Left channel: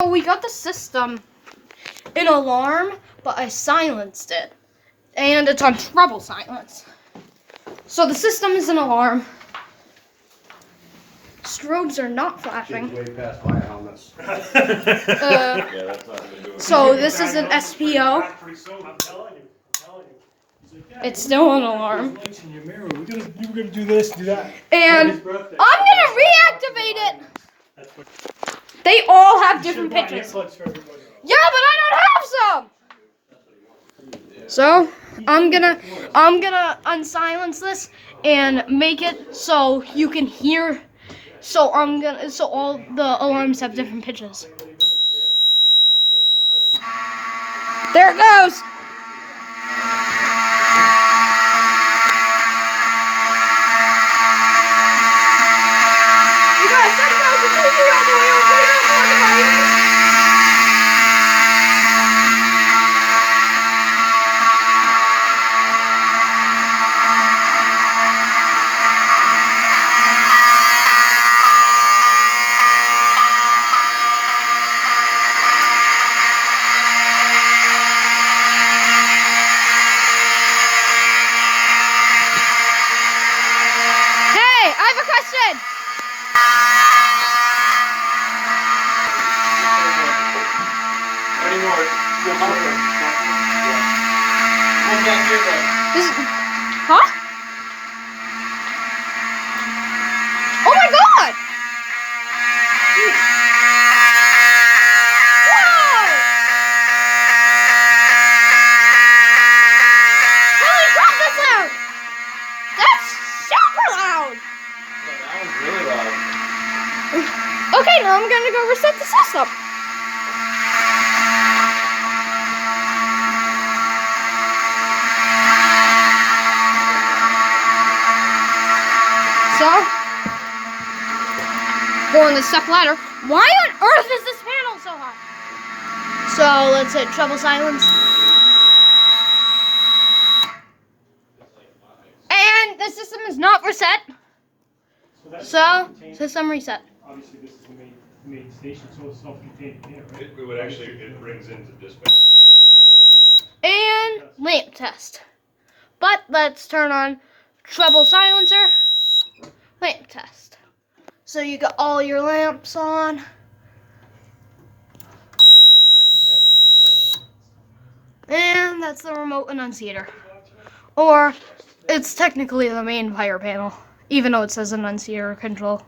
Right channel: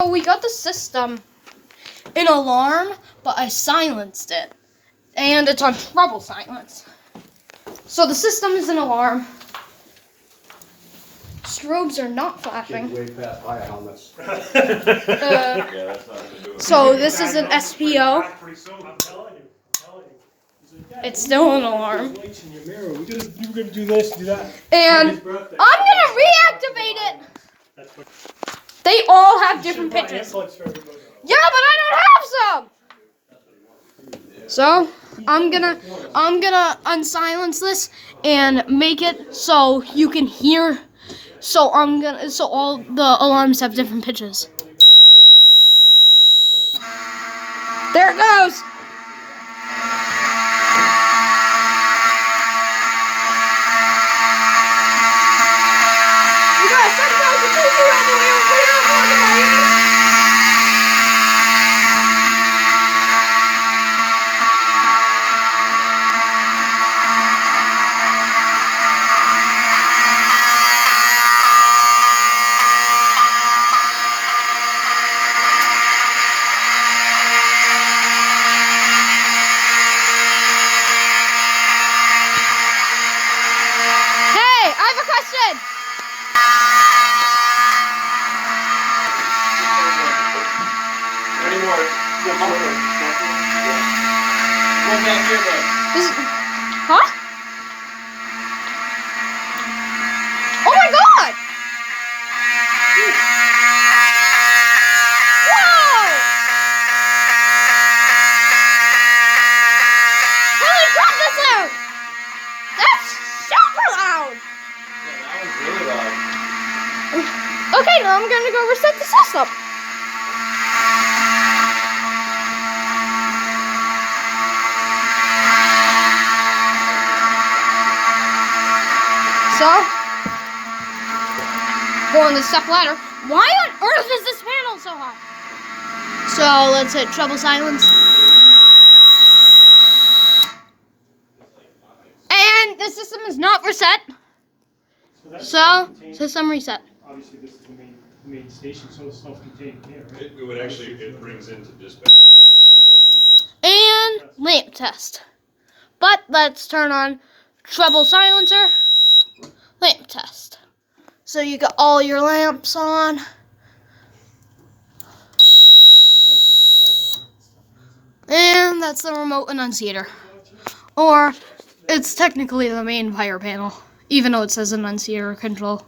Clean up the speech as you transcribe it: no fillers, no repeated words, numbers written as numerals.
So we got the system in alarm, but I silenced it. And it's on treble silence. So the system is an alarm. Strobes are not flashing. Way past my helmets. So this is an SPO. It's still an alarm. You were gonna do this, do that. And I'm gonna reactivate it. They all have different pitches. Yeah, but I don't have some. So I'm gonna unsilence this and make it so you can hear. So all the alarms have different pitches. There it goes. You guys, check it out. The TV right there. Hey, I have a question. Huh? Oh my God! Whoa! Holy crap, that's loud! That's super loud! Okay, now I'm gonna go reset the system. So, going to step ladder. Why on earth is this panel so high? So let's hit treble silence. And the system is not reset. So system reset. Obviously, this is the main station, so it's self-contained here, right? It would actually, it brings into dispatch here when it goes through. And lamp test. But let's turn on treble silencer. Lamp test. So you got all your lamps on. And that's the remote annunciator. Or it's technically the main fire panel, even though it says annunciator control.